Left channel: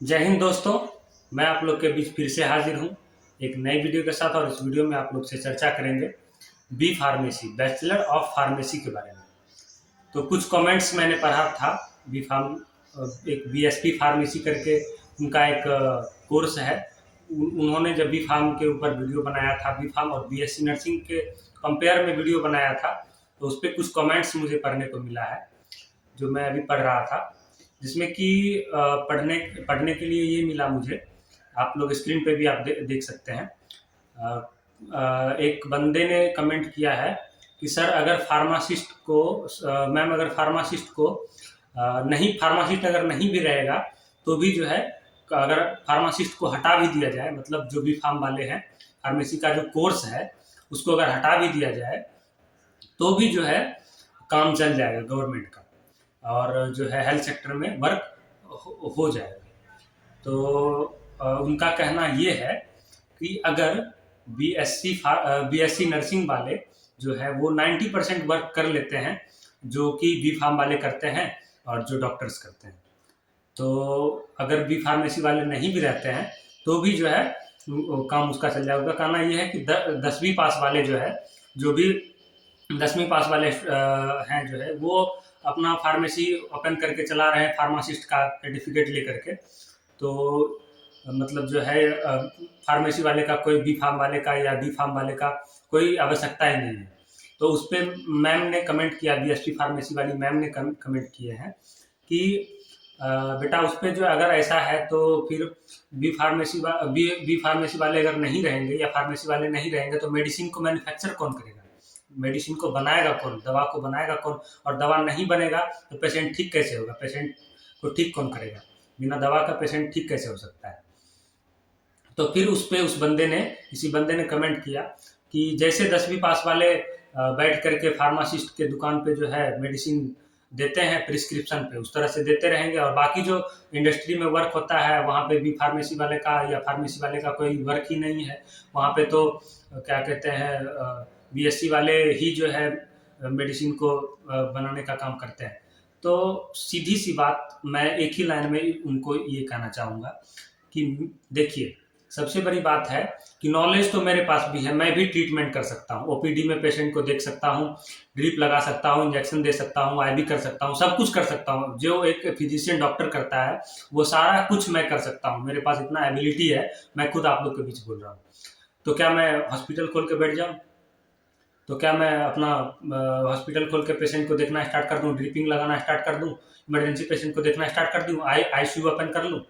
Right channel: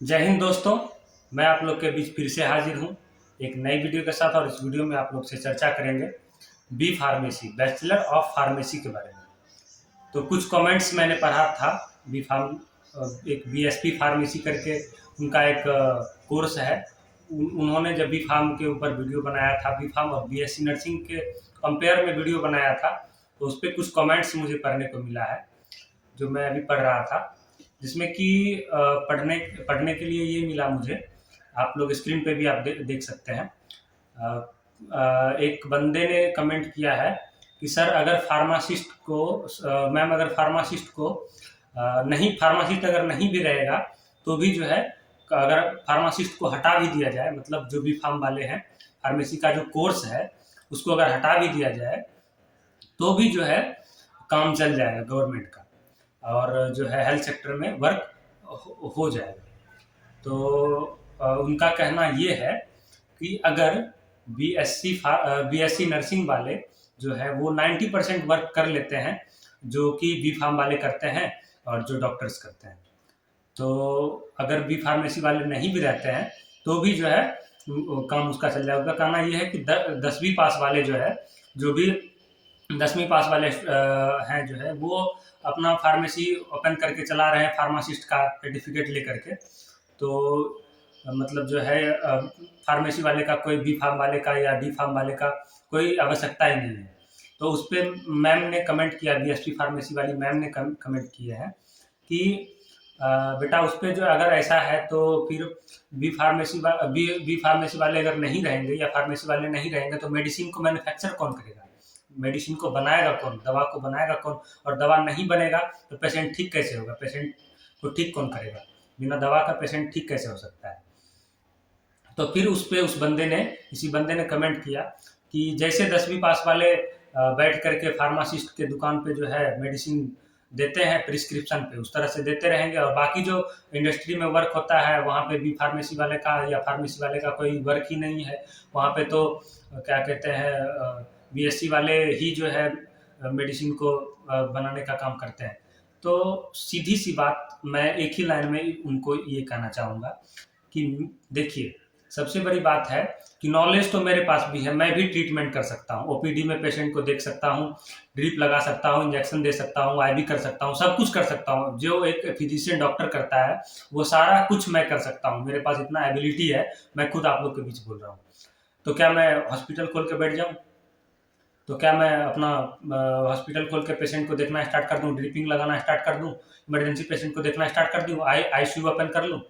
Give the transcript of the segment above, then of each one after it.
जय हिंद दोस्तों। मैं आप लोग के बीच फिर से हाजिर हूँ एक नई वीडियो के साथ। और इस वीडियो में आप लोग से चर्चा करेंगे B pharmacy, bachelor of pharmacy के बारे में। तो कुछ कमेंट्स मैंने पढ़ा था। बी फार्म एक बीएसपी फार्मेसी करके उनका एक कोर्स है। उन्होंने जब बी फार्म के ऊपर वीडियो बनाया था, बी फार्म और बीएससी नर्सिंग के कंपेयर में वीडियो बनाया था, तो उस पर कुछ कमेंट्स मुझे पढ़ने को मिला है जो मैं अभी पढ़ रहा था। जिसमें कि पढ़ने पढ़ने के लिए ये मिला मुझे। आप लोग स्क्रीन पे भी आप देख सकते हैं। एक बंदे ने कमेंट किया है कि सर अगर फार्मासिस्ट को मैम अगर फार्मासिस्ट को नहीं फार्मासिस्ट अगर नहीं भी रहेगा तो भी जो है, अगर फार्मासिस्ट को हटा भी दिया जाए, मतलब जो भी फार्म वाले हैं, फार्मेसी का जो कोर्स है उसको अगर हटा भी दिया जाए तो भी जो है काम चल जाएगा गवर्नमेंट का, और जो है हेल्थ सेक्टर में वर्क हो जाएगा। तो उनका कहना ये है कि अगर बीएससी नर्सिंग वाले जो है वो 90% वर्क कर लेते हैं जो कि बी फार्म वाले करते हैं और जो डॉक्टर्स करते हैं। तो अगर बी फार्मेसी वाले नहीं भी रहते हैं तो भी जो है काम उसका चल जाएगा। उनका कहना ये है कि 10वीं पास वाले जो है, जो भी 10वीं पास वाले हैं जो है, वो अपना फार्मेसी ओपन करके चला रहे हैं फार्मासिस्ट का सर्टिफिकेट लेकर के। तो मतलब जो है फार्मेसी वाले का, कोई बी फार्म वाले का या डी फार्म वाले का कोई आवश्यकता ही नहीं है। तो उस पर मैम ने कमेंट किया, बीएसपी फार्मेसी वाली मैम ने कमेंट किया है कि बेटा उस पर जो अगर ऐसा है तो फिर बी फार्मेसी वाले अगर नहीं रहेंगे या फार्मेसी वाले नहीं रहेंगे तो मेडिसिन को मैन्युफैक्चर कौन करेगा, मेडिसिन को बनाएगा कौन, दवा को बनाएगा कौन, और दवा नहीं बनेगा तो पेशेंट ठीक कैसे होगा, पेशेंट को ठीक कौन करेगा, बिना दवा का पेशेंट ठीक कैसे हो सकता है। तो फिर उस पे इसी बंदे ने कमेंट किया कि जैसे 10वीं पास वाले बैठ करके फार्मासिस्ट के दुकान पे जो है मेडिसिन देते हैं प्रिस्क्रिप्शन पे, उस तरह से देते रहेंगे, और बाकी जो इंडस्ट्री में वर्क होता है वहाँ पे भी फार्मेसी वाले का या फार्मेसी वाले का कोई वर्क ही नहीं है। वहाँ पे तो क्या कहते हैं, बीएससी वाले ही जो है मेडिसिन को बनाने का काम करते हैं। तो सीधी सी बात, मैं एक ही लाइन में उनको ये कहना चाहूँगा कि देखिए, सबसे बड़ी बात है कि नॉलेज तो मेरे पास भी है, मैं भी ट्रीटमेंट कर सकता हूँ, ओपीडी में पेशेंट को देख सकता हूँ, ड्रिप लगा सकता हूँ, इंजेक्शन दे सकता हूँ, आईवी कर सकता हूँ, सब कुछ कर सकता हूँ। जो एक फिजिशियन डॉक्टर करता है वो सारा कुछ मैं कर सकता हूँ, मेरे पास इतना एबिलिटी है। मैं खुद आप लोग के बीच बोल रहा हूँ। तो क्या मैं हॉस्पिटल खोल के बैठ जाऊँ? तो क्या मैं अपना हॉस्पिटल खोल के पेशेंट को देखना स्टार्ट कर दूँ, ड्रिपिंग लगाना स्टार्ट कर दूँ, इमरजेंसी पेशेंट को देखना स्टार्ट कर दूँ, आईसीयू ओपन कर लूँ?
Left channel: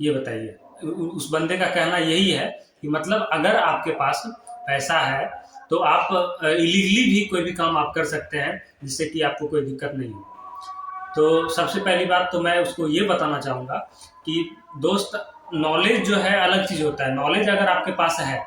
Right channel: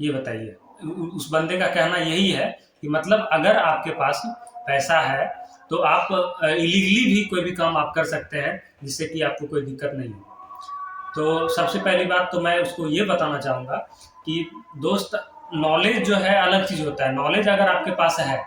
ये बताइए। उस बंदे का कहना यही है कि मतलब अगर आपके पास पैसा है तो आप इलीगली भी कोई भी काम आप कर सकते हैं जिससे कि आपको कोई दिक्कत नहीं हो। तो सबसे पहली बात तो मैं उसको ये बताना चाहूँगा कि दोस्त, नॉलेज जो है अलग चीज़ होता है। नॉलेज अगर आपके पास है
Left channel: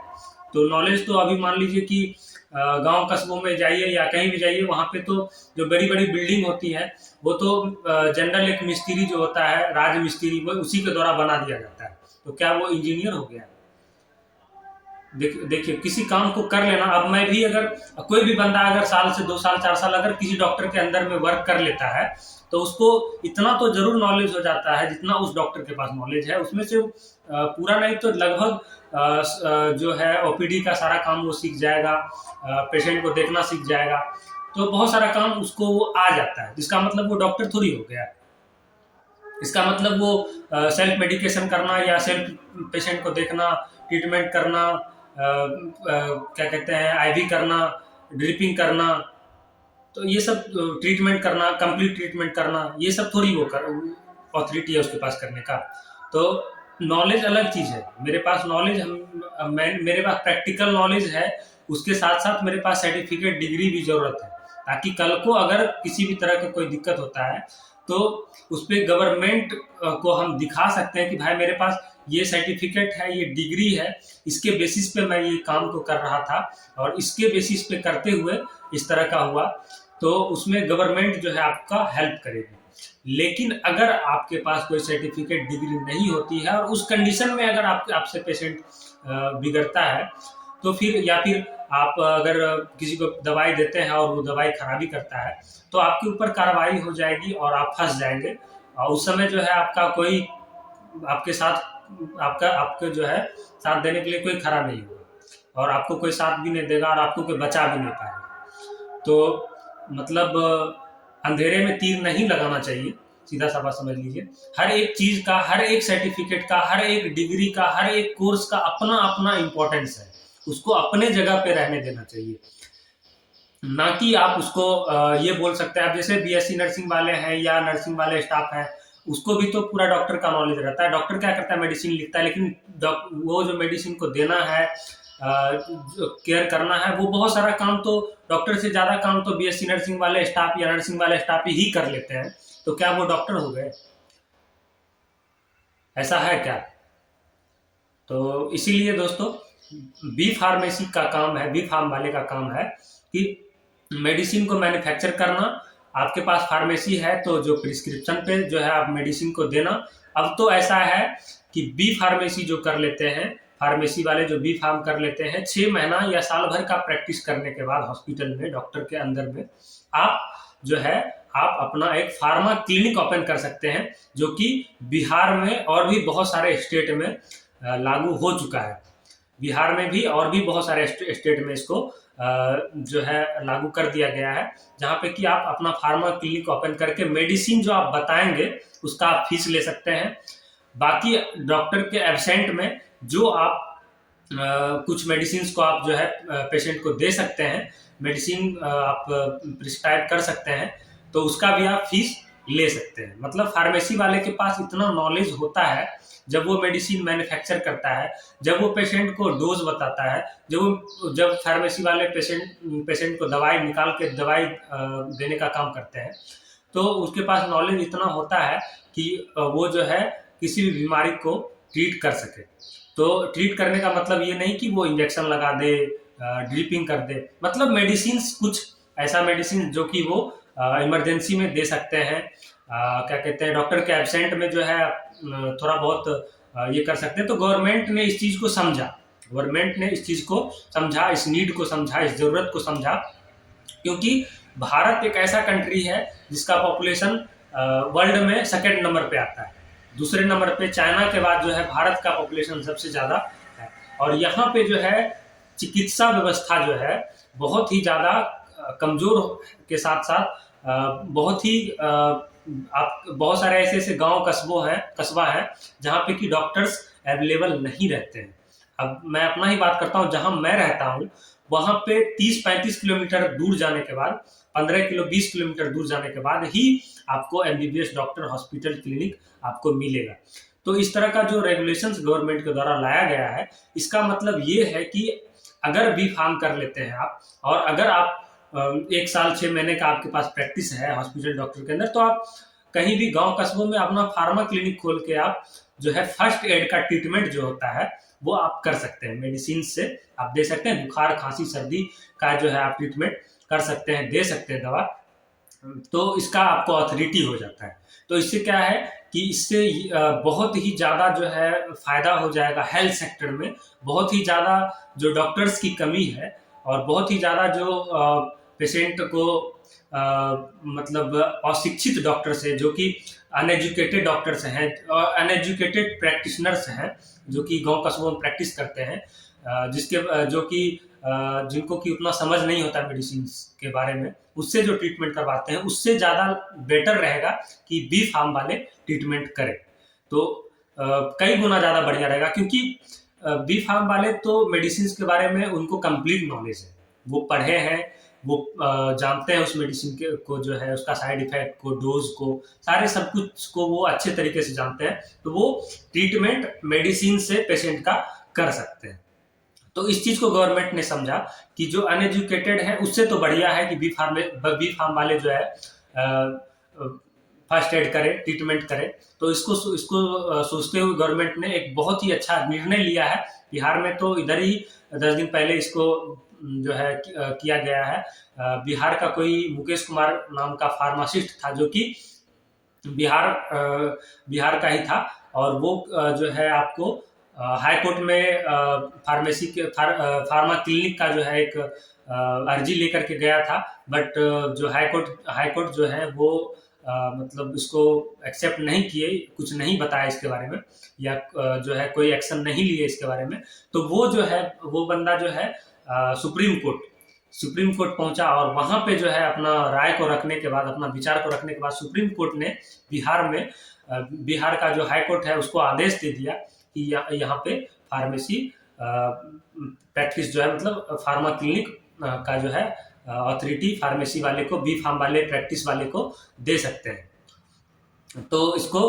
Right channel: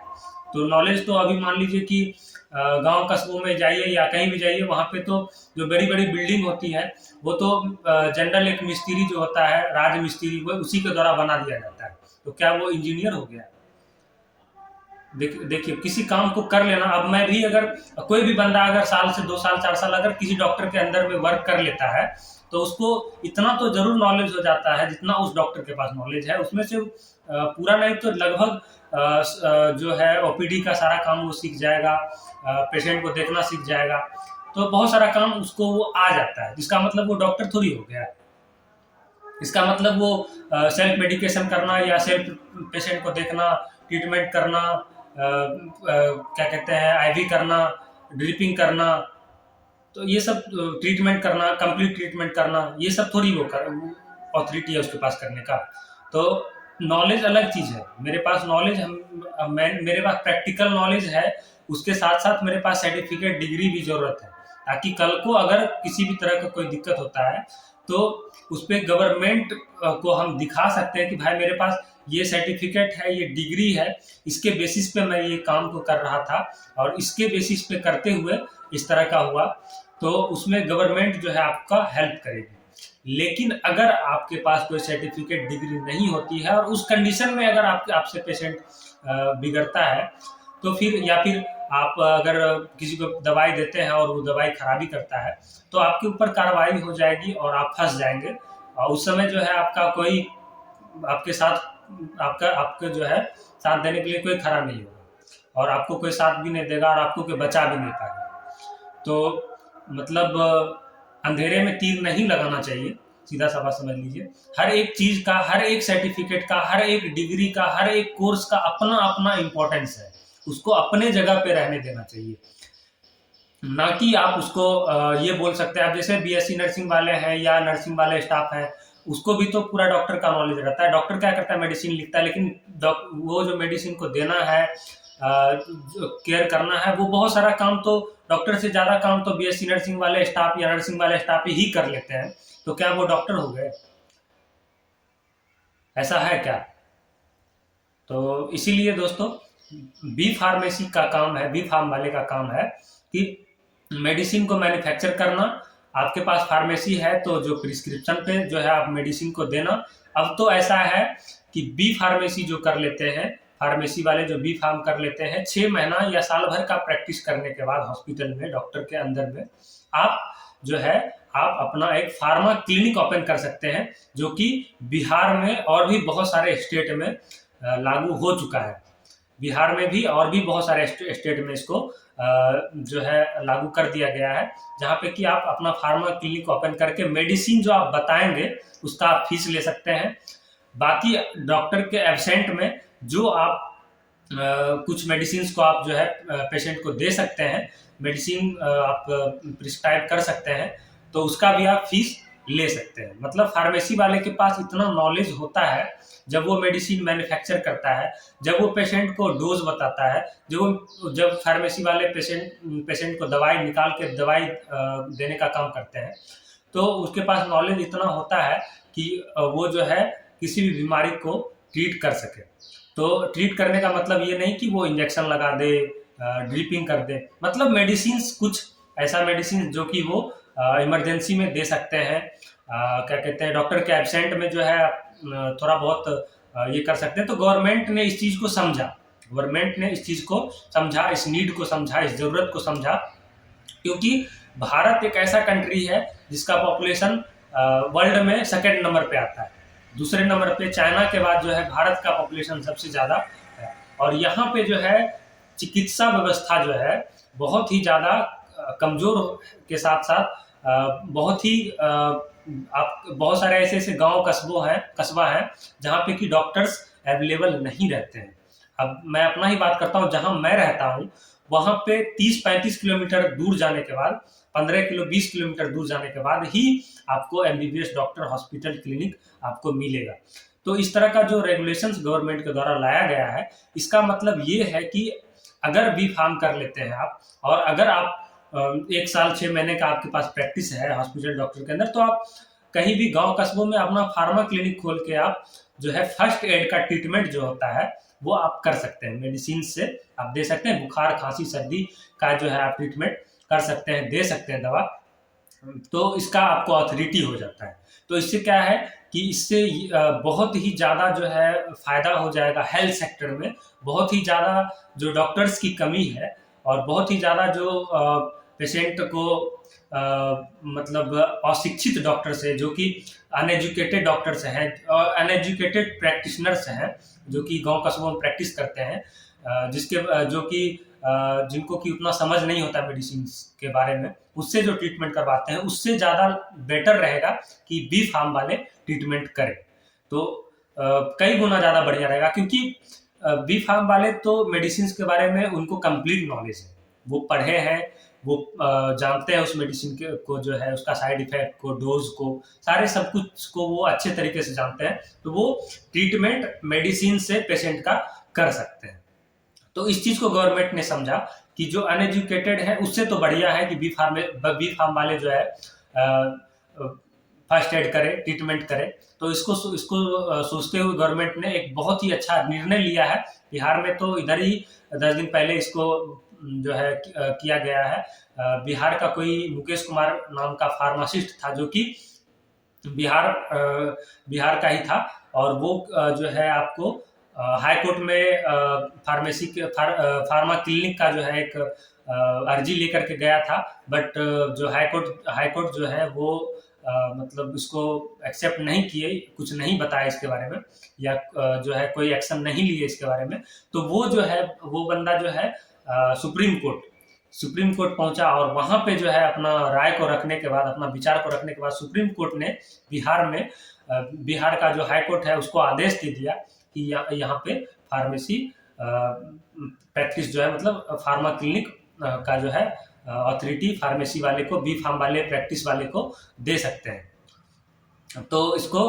तो नॉलेज तो अभी मान लीजिए कि गांव कस्बों में जाइए या कहीं भी जाइए, वहाँ पे तो जो बड़ी बड़ी बिल्डिंग होती है वो तो जनरल एक मिस्त्री जो होता है, राज मिस्त्री, वो उसी के द्वारा बना दिया जाता है। तो क्या वो इंजीनियर हो गया? देखिए, किसी काम को कर लेना। अब मैं भी, अगर कोई भी बंदा अगर साल से 2 साल 4 साल अगर किसी डॉक्टर के अंदर में वर्क कर लेता है तो उसको इतना तो जरूर नॉलेज हो जाता है जितना उस डॉक्टर के पास नॉलेज है। उसमें से पूरा नहीं तो लगभग जो है ओपीडी का सारा काम वो सीख जाएगा, पेशेंट को देखना सीख जाएगा। तो बहुत सारा काम उसको वो आ जाता है, जिसका मतलब वो डॉक्टर थोड़ी हो गया। इसका मतलब वो सेल्फ मेडिकेशन करना या सेल्फ पेशेंट को देखना, ट्रीटमेंट करना, क्या कहते हैं, आईवी करना, ड्रिपिंग करना, तो ये सब ट्रीटमेंट करना, कंप्लीट ट्रीटमेंट करना, ये सब थोड़ी वो कर ऑथोरिटी है उसके पास करने का। तो नॉलेज अलग चीज़ है। मेरे पास नॉलेज, मेरे पास प्रैक्टिकल नॉलेज है, उसके साथ साथ मेरे पास सर्टिफिकेट डिग्री भी ज़रूरत है, ताकि कल को अगर किसी भी तरह का कोई दिक्कत होता है तो उस पर गवर्नमेंट को हम दिखा सकते हैं कि भाई मेरे पास ये सर्टिफिकेट है, ये डिग्री है, इसके बेसिस पे मैं ये काम को कर रहा था और इसके बेसिस पे करते हुए इस तरह का हुआ। तो उसमें गवर्नमेंट जो है आपका हेल्प करेगी। लेकिन अगर आपके पास कोई सर्टिफिकेट डिग्री नहीं होती है और उस कंडीशन में अगर आपसे पेशेंट बिगड़ता है तो फिर, या फिर आप अगर किसी को दवाई देते हैं और वो दवाई खराबी करता है तो आपके ऊपर कार्रवाई हो जाएगी और आप फंस जाएंगे। उस समय जो है आपका कोई आपके साथ आपके जो है साथ देने के लिए कोई खड़ा नहीं होगा, और आपको कोई साथ भी नहीं देगा, और आपको कोई बचा भी नहीं पाएगा। तो मतलब अंधेरे में तीर नहीं लगाना चाहिए, सीधा सा बात समझ लीजिए। हर एक चीज का, हर एक सर्टिफिकेट का, हर एक डिग्री का, हर एक कोर्स का अपना अपना इम्पोर्टेंस है, उसको अपने जगह पे रहने देना चाहिए। ना कि आप उसको ये बोल सकते हैं, आप जैसे बीएससी नर्सिंग वाले हैं या नर्सिंग वाले स्टाफ है, उसको भी तो पूरा डॉक्टर का नॉलेज रहता है। डॉक्टर क्या करता है, मेडिसिन लिखता है, लेकिन वो जो मेडिसिन को देना है, जो केयर करना है, वो बहुत सारा काम तो डॉक्टर से ज्यादा काम तो बीएससी नर्सिंग वाले स्टाफ या नर्सिंग वाले स्टाफ ही कर लेते हैं। तो क्या वो डॉक्टर हो गए? ऐसा है क्या? तो इसीलिए दोस्तों, बी फार्मेसी का काम है, बी फार्म वाले का काम है कि मेडिसिन को मैन्युफैक्चर करना। आपके पास फार्मेसी है तो जो प्रिस्क्रिप्शन पे जो है आप मेडिसिन को देना। अब तो ऐसा है कि बी फार्मेसी जो कर लेते हैं, फार्मेसी वाले जो बी फार्म कर लेते हैं, 6 महीना या साल भर का प्रैक्टिस करने के बाद हॉस्पिटल में, डॉक्टर के अंदर में, आप जो है आप अपना एक फार्मा क्लिनिक ओपन कर सकते हैं, जो कि बिहार में और भी बहुत सारे स्टेट में लागू हो चुका है। बिहार में भी और भी बहुत सारे स्टेट में इसको जो है लागू कर दिया गया है, जहाँ पे कि आप अपना फार्मा क्लिनिक ओपन करके मेडिसिन जो आप बताएंगे उसका आप फीस ले सकते हैं। बाकी डॉक्टर के एब्सेंट में जो आप कुछ मेडिसिन को आप जो है पेशेंट को दे सकते हैं, मेडिसिन आप प्रिस्क्राइब कर सकते हैं, तो उसका भी आप फीस ले सकते हैं। मतलब फार्मेसी वाले के पास इतना नॉलेज होता है, जब वो मेडिसिन मैन्युफैक्चर करता है, जब वो पेशेंट को डोज बताता है, जब फार्मेसी वाले पेशेंट को दवाई निकाल के दवाई देने का काम करते हैं, तो उसके पास नॉलेज इतना होता है कि वो जो है किसी भी बीमारी को ट्रीट कर सके। तो ट्रीट करने का मतलब ये नहीं कि वो इंजेक्शन लगा दे, ड्रिपिंग कर दे, मतलब मेडिसिन, कुछ ऐसा मेडिसिन जो कि वो इमरजेंसी में दे सकते हैं, क्या कहते हैं, डॉक्टर के एब्सेंट में जो है थोड़ा बहुत ये कर सकते हैं। तो गवर्नमेंट ने इस चीज़ को समझा, गवर्नमेंट ने इस चीज़ को समझा, इस नीड को समझा, इस ज़रूरत को समझा, क्योंकि भारत एक ऐसा कंट्री है जिसका पॉपुलेशन वर्ल्ड में सेकेंड नंबर पे आता है। दूसरे नंबर पे चाइना के बाद जो है भारत का पॉपुलेशन सबसे ज़्यादा है। और यहाँ पे जो है चिकित्सा व्यवस्था जो है बहुत ही ज़्यादा कमज़ोर के साथ साथ बहुत ही आप बहुत सारे ऐसे ऐसे गांव कस्बा है जहाँ पे कि डॉक्टर्स अवेलेबल नहीं रहते हैं। अब मैं अपना ही बात करता हूँ, जहाँ मैं रहता हूँ वहाँ पे 30-35 किलोमीटर दूर जाने के बाद, 20 किलोमीटर दूर जाने के बाद ही आपको एमबीबीएस डॉक्टर, हॉस्पिटल, क्लिनिक आपको मिलेगा। तो इस तरह का जो रेगुलेशंस गवर्नमेंट के द्वारा लाया गया है, इसका मतलब ये है कि अगर बी फार्म कर लेते हैं आप, और अगर आप 1 साल 6 महीने का आपके पास प्रैक्टिस है हॉस्पिटल डॉक्टर के अंदर, तो आप कहीं भी गांव कस्बों में अपना फार्मा क्लिनिक खोल के आप जो है फर्स्ट एड का ट्रीटमेंट जो होता है वो आप कर सकते हैं, मेडिसिन से आप दे सकते हैं। बुखार, खांसी, सर्दी का जो है आप ट्रीटमेंट कर सकते हैं, दे सकते हैं दवा, तो इसका आपको अथॉरिटी हो जाता है। तो इससे क्या है कि इससे बहुत ही ज़्यादा जो है फायदा हो जाएगा हेल्थ सेक्टर में। बहुत ही ज़्यादा जो डॉक्टर्स की कमी है, और बहुत ही ज़्यादा जो पेशेंट को मतलब अशिक्षित डॉक्टर्स हैं, जो कि अनएजुकेटेड डॉक्टर्स हैं, अनएजुकेटेड प्रैक्टिशनर्स हैं, जो कि गांव कस्बों में प्रैक्टिस करते हैं, जो कि जिनको कि उतना समझ नहीं होता मेडिसिन के बारे में, उससे जो ट्रीटमेंट करवाते हैं, उससे ज़्यादा बेटर रहेगा कि बी फार्म वाले ट्रीटमेंट करें। तो कई गुना ज़्यादा बढ़िया रहेगा, क्योंकि बी फार्म वाले तो मेडिसिन के बारे में उनको कंप्लीट नॉलेज है, वो पढ़े हैं, वो जानते हैं उस मेडिसिन को जो है उसका साइड इफेक्ट को, डोज को, सारे सब कुछ को वो अच्छे तरीके से जानते हैं। तो वो ट्रीटमेंट मेडिसिन से पेशेंट का कर सकते हैं। तो इस चीज को गवर्नमेंट ने समझा कि जो अनएजुकेटेड है उससे तो बढ़िया है कि बी फार्म वाले जो है फर्स्ट एड करे, ट्रीटमेंट करे। तो इसको सोचते हुए गवर्नमेंट ने एक बहुत ही अच्छा निर्णय लिया है। बिहार में तो इधर ही 10 दिन पहले इसको जो है किया गया है। बिहार का कोई मुकेश कुमार नाम का फार्मासिस्ट था, जो कि बिहार का ही था, और वो जो है आपको हाई कोर्ट में फार्मेसी के फार्मा क्लिनिक का जो है एक अर्जी लेकर के गया था। बट जो हाई कोर्ट जो है वो मतलब इसको एक्सेप्ट नहीं किए, कुछ नहीं बताया इसके बारे में, या जो है कोई एक्शन नहीं लिए इसके बारे में, तो वो जो है वो बंदा जो है सुप्रीम कोर्ट पहुंचा, और वहां पे जो है अपना राय को रखने के बाद, अपना विचार को रखने के बाद, सुप्रीम कोर्ट ने बिहार का जो हाई कोर्ट है उसको आदेश दे दिया कि यहाँ पे फार्मेसी प्रैक्टिस जो है, मतलब फार्मा क्लिनिक का जो है अथॉरिटी फार्मेसी वाले को, बी फार्म वाले, प्रैक्टिस वाले को दे सकते हैं। तो इसको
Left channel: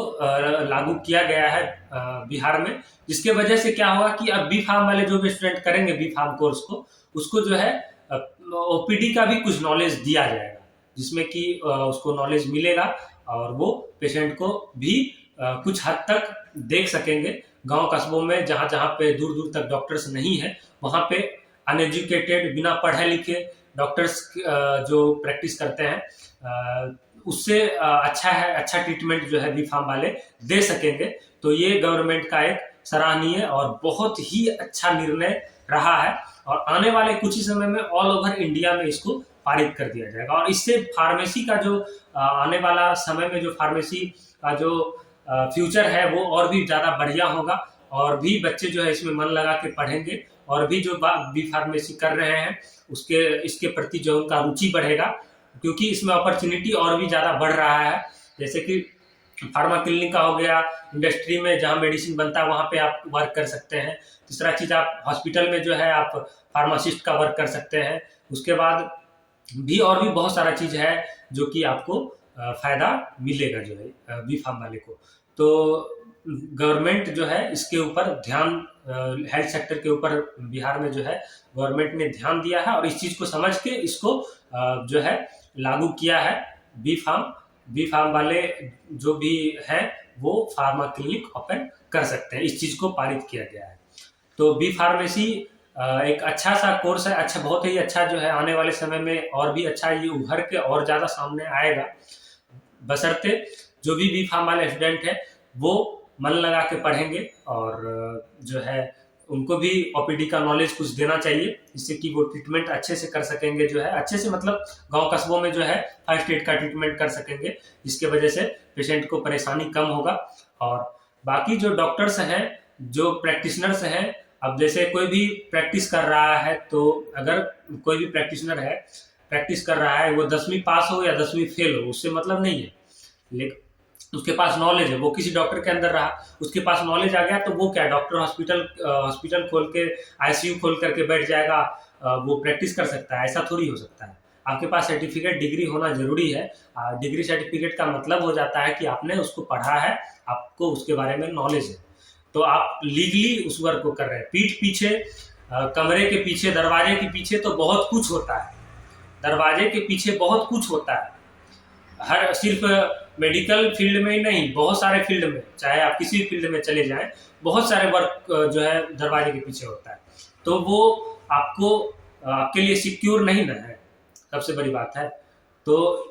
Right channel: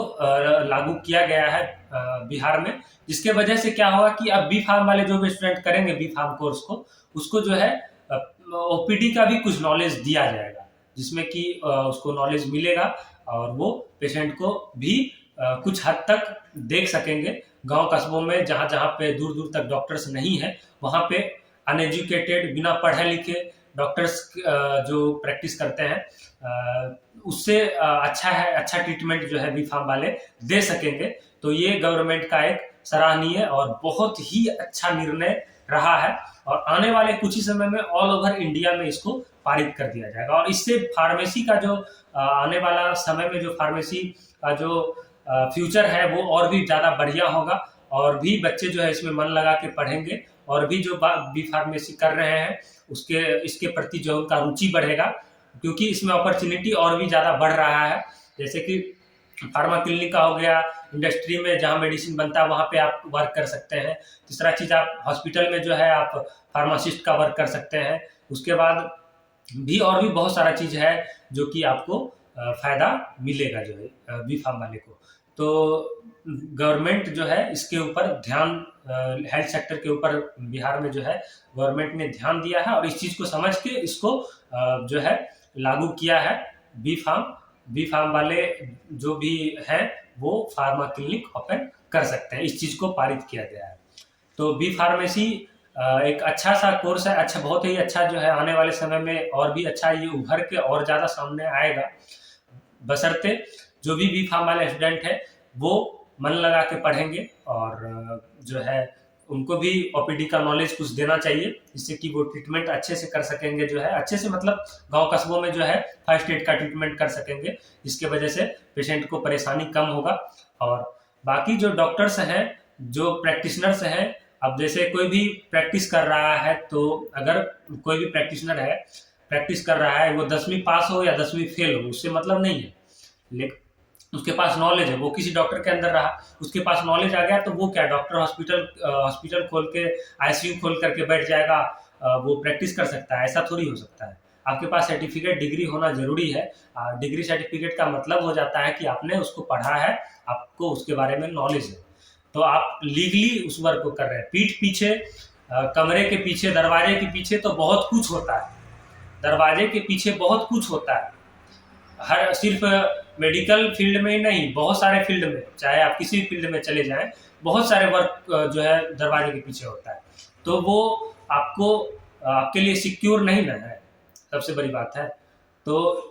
लागू किया गया है बिहार में, जिसके वजह से क्या होगा कि अब बी फार्म वाले जो भी स्टूडेंट करेंगे बी फार्म कोर्स को, उसको जो है ओपीडी का भी कुछ नॉलेज दिया जाएगा, जिसमें कि उसको नॉलेज मिलेगा और वो पेशेंट को भी कुछ हद तक देख सकेंगे। गांव कस्बों में जहां जहां पे दूर दूर तक डॉक्टर्स नहीं है, वहां पे अनएजुकेटेड, बिना पढ़े लिखे डॉक्टर्स जो प्रैक्टिस करते हैं, उससे अच्छा ट्रीटमेंट जो है बी फार्म वाले दे सकेंगे। तो ये गवर्नमेंट का एक सराहनीय और बहुत ही अच्छा निर्णय रहा है, और आने वाले कुछ ही समय में ऑल ओवर इंडिया में इसको पारित कर दिया जाएगा, और इससे फार्मेसी का जो आने वाला समय में जो फार्मेसी का जो फ्यूचर है वो और भी ज़्यादा बढ़िया होगा, और भी बच्चे जो है इसमें मन लगा के पढ़ेंगे, और भी जो बी फार्मेसी कर रहे हैं इसके प्रति जो उनका रुचि बढ़ेगा, क्योंकि इसमें अपॉर्चुनिटी और भी ज़्यादा बढ़ रहा है। जैसे कि फार्मा क्लिनिक का हो गया, इंडस्ट्री में जहाँ मेडिसिन बनता है वहाँ पे आप वर्क कर सकते हैं। तीसरा चीज़, आप हॉस्पिटल में जो है आप फार्मासिस्ट का वर्क कर सकते हैं। उसके बाद भी और भी बहुत सारा चीज़ है जो कि आपको फ़ायदा मिलेगा जो है बी फार्म वाले को। तो गवर्नमेंट जो है इसके ऊपर ध्यान, हेल्थ सेक्टर के ऊपर बिहार में जो है गवर्नमेंट ने ध्यान दिया है, और इस चीज़ को समझ के इसको जो है लागू किया है। बी फार्म वाले जो भी हैं वो फार्मा क्लिनिक ओपन कर सकते हैं, इस चीज़ को पारित किया गया है। तो बी फार्मेसी एक अच्छा सा कोर्स है, अच्छा, बहुत ही अच्छा जो है, आने वाले समय में और भी अच्छा ये उभर के और ज़्यादा सामने आएगा, बशर्ते जो भी बी फार्म वाले स्टूडेंट है वो मन लगा के पढ़ेंगे, और जो है उनको भी ओपीडी का नॉलेज कुछ देना चाहिए, जिससे कि वो ट्रीटमेंट अच्छे से कर सकेंगे, जो है अच्छे से, मतलब गांव कस्बों में जो है फर्स्ट एड का ट्रीटमेंट कर सकेंगे, जिसके वजह से पेशेंट को परेशानी कम होगा। और बाकी जो डॉक्टर्स हैं, जो प्रैक्टिशनर्स हैं, अब जैसे कोई भी प्रैक्टिस कर रहा है, तो अगर कोई भी प्रैक्टिशनर है, प्रैक्टिस कर रहा है, वो 10वीं पास हो या 10वीं फेल हो, उससे मतलब नहीं है, लेकिन उसके पास नॉलेज है, वो किसी डॉक्टर के अंदर रहा, उसके पास नॉलेज आ गया, तो वो क्या, डॉक्टर हॉस्पिटल खोल के, आईसीयू खोल करके बैठ जाएगा, वो प्रैक्टिस कर सकता है? ऐसा थोड़ी हो सकता है। आपके पास सर्टिफिकेट, डिग्री होना जरूरी है। डिग्री सर्टिफिकेट का मतलब हो जाता है कि आपने उसको पढ़ा है, आपको उसके बारे में नॉलेज है, तो आप लीगली उस वर्क को कर रहे हैं। पीठ पीछे, कमरे के पीछे, दरवाजे के पीछे तो बहुत कुछ होता है, दरवाजे के पीछे बहुत कुछ होता है, हर सिर्फ मेडिकल फील्ड में ही नहीं, बहुत सारे फील्ड में, चाहे आप किसी फील्ड में चले जाएं, बहुत सारे वर्क जो है दरवाजे के पीछे होता है, तो वो आपके लिए सिक्योर नहीं ना है, सबसे बड़ी बात है। तो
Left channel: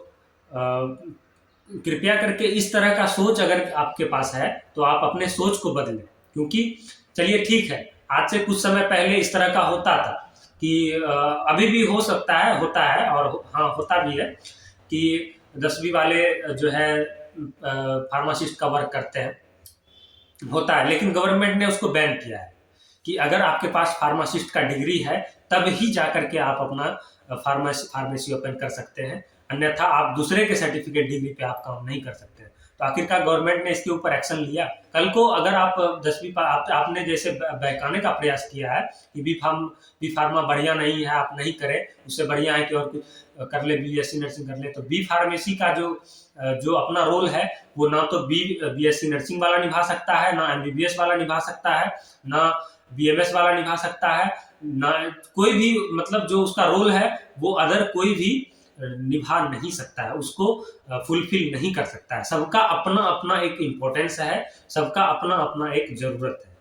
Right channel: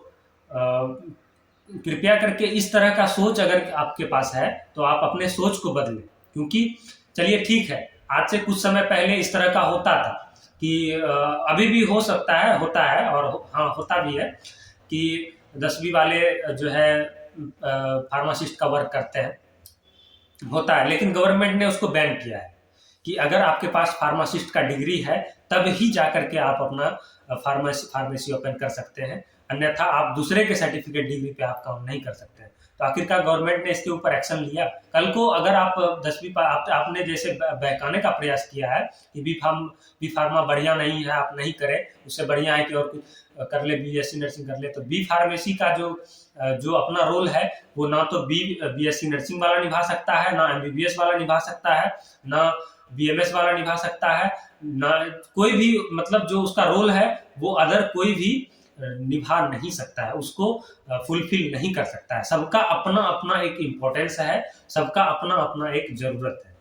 कृपया करके इस तरह का सोच अगर आपके पास है तो आप अपने सोच को बदलें, क्योंकि चलिए ठीक है, आज से कुछ समय पहले इस तरह का होता था कि अभी भी हो सकता है, होता है, और हाँ होता भी है कि 10वीं वाले जो है फार्मासिस्ट का वर्क करते हैं, होता है, लेकिन गवर्नमेंट ने उसको बैन किया है कि अगर आपके पास फार्मासिस्ट का डिग्री है तब ही जाकर के आप अपना फार्मेसी ओपन कर सकते हैं, अन्यथा आप दूसरे के सर्टिफिकेट, डिग्री पे आप काम नहीं कर सकते हैं। तो आखिरकार गवर्नमेंट ने इसके ऊपर एक्शन लिया। कल को अगर आप 10वीं आपने जैसे बहकाने का प्रयास किया है कि बी फार्मा बढ़िया नहीं है, आप नहीं करें, उससे बढ़िया है कि और कुछ कर ले, बीएससी नर्सिंग कर ले, तो बी फार्मेसी का जो अपना रोल है वो ना तो बीएससी नर्सिंग वाला निभा सकता है, ना एमबीबीएस वाला निभा सकता है, ना बीएमएस वाला निभा सकता है, ना कोई भी, मतलब जो उसका रोल है वो अदर कोई भी निभा नहीं सकता है, उसको फुलफिल नहीं कर सकता है। सबका अपना अपना एक इम्पोर्टेंस है, सबका अपना अपना एक जरूरत है,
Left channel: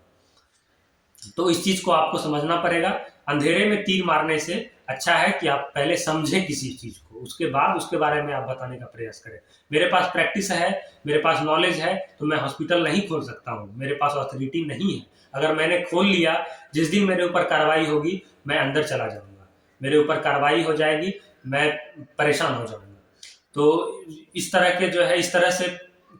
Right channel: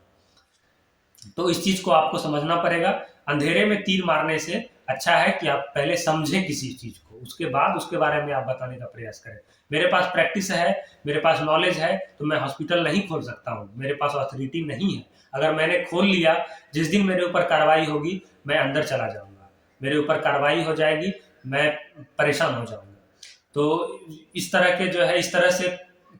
तो इस चीज को आपको समझना पड़ेगा। अंधेरे में तीर मारने से अच्छा है कि आप पहले समझें किसी चीज को, उसके बाद उसके बारे में आप बताने का प्रयास करें। मेरे पास प्रैक्टिस है, मेरे पास नॉलेज है, तो मैं हॉस्पिटल नहीं खोल सकता हूँ, मेरे पास अथॉरिटी नहीं है। अगर मैंने खोल लिया, जिस दिन मेरे ऊपर कार्रवाई होगी मैं अंदर चला जाऊंगा, मेरे ऊपर कार्रवाई हो जाएगी, मैं परेशान हो जाऊंगा। तो इस तरह के जो है, इस तरह से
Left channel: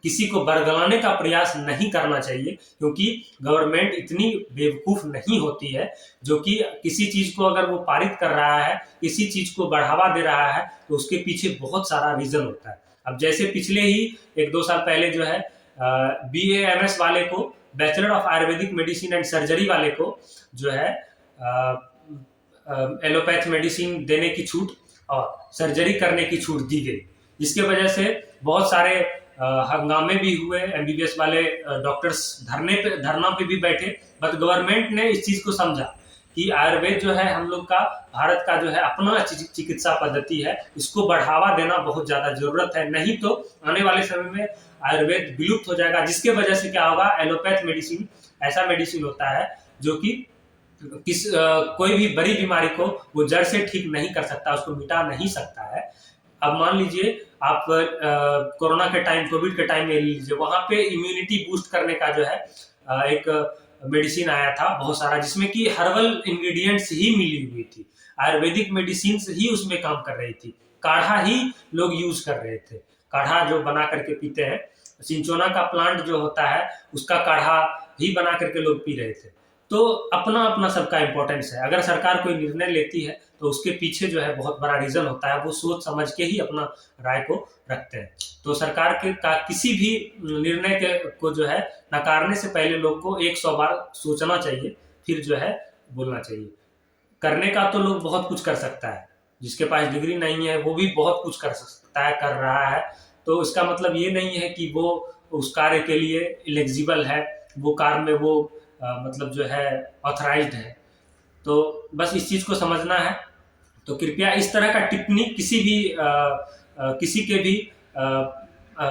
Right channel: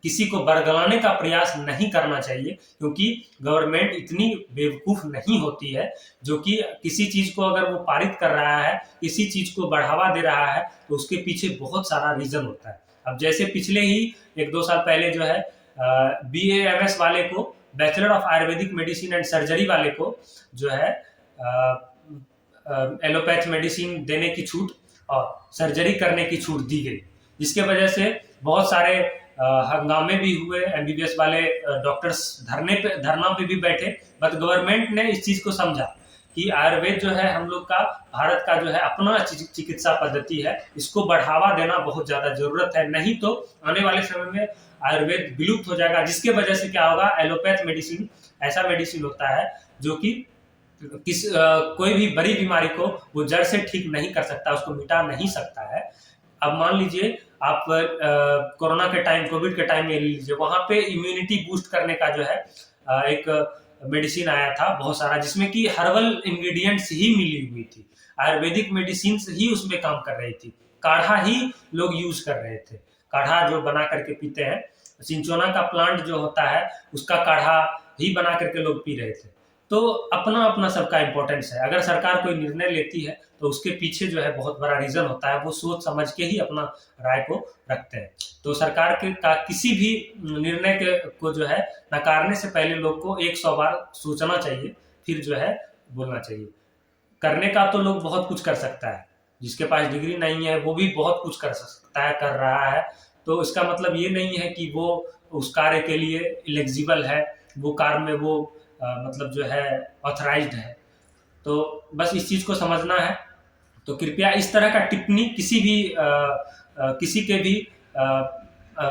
किसी को बरगलाने का प्रयास नहीं करना चाहिए, क्योंकि गवर्नमेंट इतनी बेवकूफ नहीं होती है जो कि किसी चीज को अगर वो पारित कर रहा है, किसी चीज को बढ़ावा दे रहा है, तो उसके पीछे बहुत सारा रीजन होता है। अब जैसे पिछले ही 1-2 साल पहले जो है BAMS वाले को, bachelor of Ayurvedic medicine and surgery वाले को जो है एलोपैथ मेडिसिन देने की छूट और सर्जरी करने की छूट दी गई, जिसके वजह से बहुत सारे हंगामे भी हुए। MBBS वाले डॉक्टर्स धरना पे भी बैठे, बट गवर्नमेंट ने इस चीज को समझा कि आयुर्वेद जो है हम लोग का, भारत का जो है अपना चिकित्सा पद्धति है, इसको बढ़ावा देना बहुत ज्यादा जरूरत है, नहीं तो आने वाले समय में आयुर्वेद विलुप्त हो जाएगा। जिसके वजह से क्या होगा, एलोपैथ मेडिसिन ऐसा मेडिसिन होता है जो कि कोई भी बड़ी बीमारी को वो जड़ से ठीक नहीं कर सकता, उसको मिटा नहीं सकता है। अब मान लीजिए आप कोरोना के टाइम, कोविड के टाइम में ले लीजिए, वहां पे इम्यूनिटी बूस्ट करने का जो है एक मेडिसिन आया था बहुत सारा, जिसमें कि हर्बल इंग्रेडिएंट्स ही मिली हुई थी, आयुर्वेदिक मेडिसिन ही उसमें काम कर रही थी, काढ़ा ही लोग यूज कर रहे थे, काढ़ा जो बना करके पीते हैं, सिंचोना का प्लांट जो होता है उसका काढ़ा ही बना करके लोग पी रहे थे। तो अपना अपना सबका इंपॉर्टेंस है। अगर सरकार कोई निर्णय लेती है तो उसके पीछे जो है बहुत बड़ा रीजन होता है, वो सोच समझ के ही अपना राय को रखते हैं। तो सरकार के का किसी भी निर्णय के को जो है नकारने से पहले लोग को 100 बार सोचना चाहिए, फिर जो है बोलना चाहिए। करने का तो लोग बहुत कुछ कर सकता है, जिसके पास डिग्री नहीं है वो भी बहुत कुछ कर सकता है, कर रहा है, तो इसका मतलब ये नहीं है कि वो उस कार्य के लिए एलिजिबल है, वो कार्य में वो मतलब जो है ऑथराइज्ड है। तो बस इस चीज को समझना है। तो कृपया इस तरह का टिप्पणी किसी के भी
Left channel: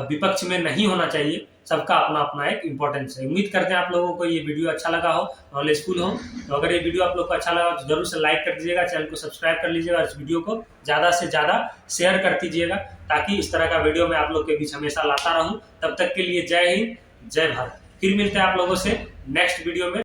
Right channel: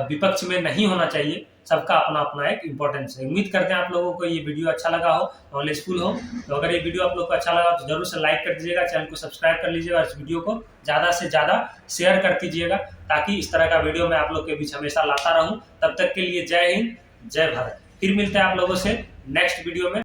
विपक्ष में नहीं होना चाहिए। सबका अपना अपना एक इम्पोर्टेंस है। उम्मीद करते हैं आप लोगों को ये वीडियो अच्छा लगा हो, नॉलेजफुल हो। तो अगर ये वीडियो आप लोग को अच्छा लगा तो जरूर से लाइक कर दीजिएगा, चैनल को सब्सक्राइब कर लीजिएगा, इस वीडियो को ज़्यादा से ज़्यादा शेयर कर दीजिएगा, ताकि इस तरह का वीडियो मैं आप लोग के बीच हमेशा लाता रहूँ। तब तक के लिए जय हिंद, जय भारत। फिर मिलते हैं आप लोगों से नेक्स्ट वीडियो में।